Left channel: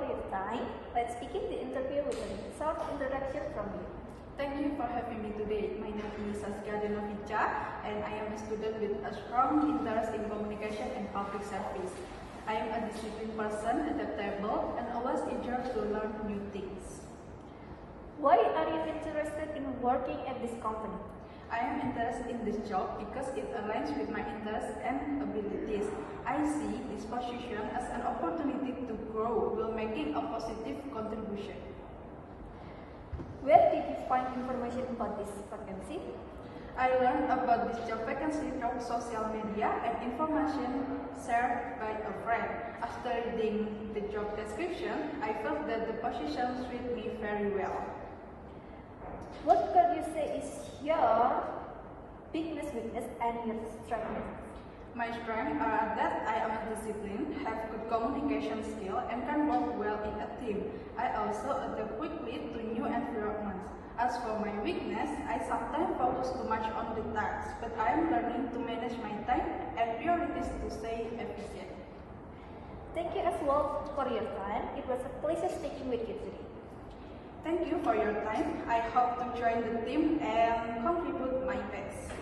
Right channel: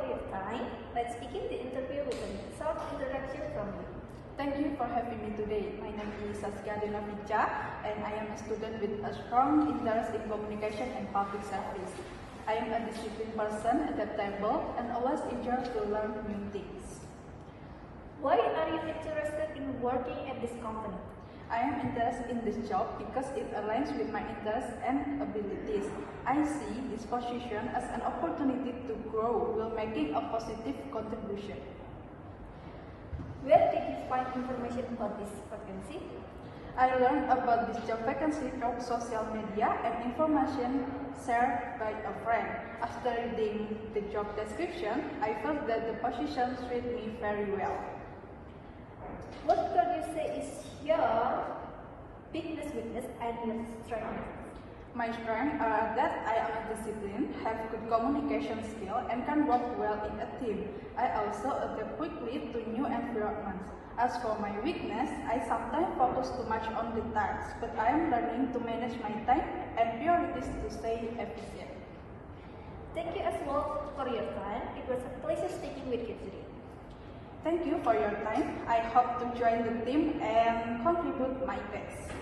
for your time. Let's begin the interview with a short introduction from you. Thank you for having me today. My name is Saskia Denovica and I am a student with a strong interest in communication and public service. I am a disciplined person, adaptable, and always eager to learn new things. Why are you interested in working at this company? I am interested in this job because it aligns with my interests and abilities. I see this position as an opportunity to grow while making a positive contribution. Where did you find information about this vacancy? I learned about this job vacancy from social media and information shared by a friend. After reading the job description, I felt that the position fit me very well. What could you say is your biggest weakness and your strength? My strengths are that I am disciplined, have good communication skill, and can work well in a team. I also adapt quickly to new environments. As for my weakness, I sometimes focus too much on the tasks, but I am learning to manage my time and priorities to stay efficient. Thank you as well for your time. It was a pleasure speaking with you today. Thank you for your time. I hope to join the team and contribute my best.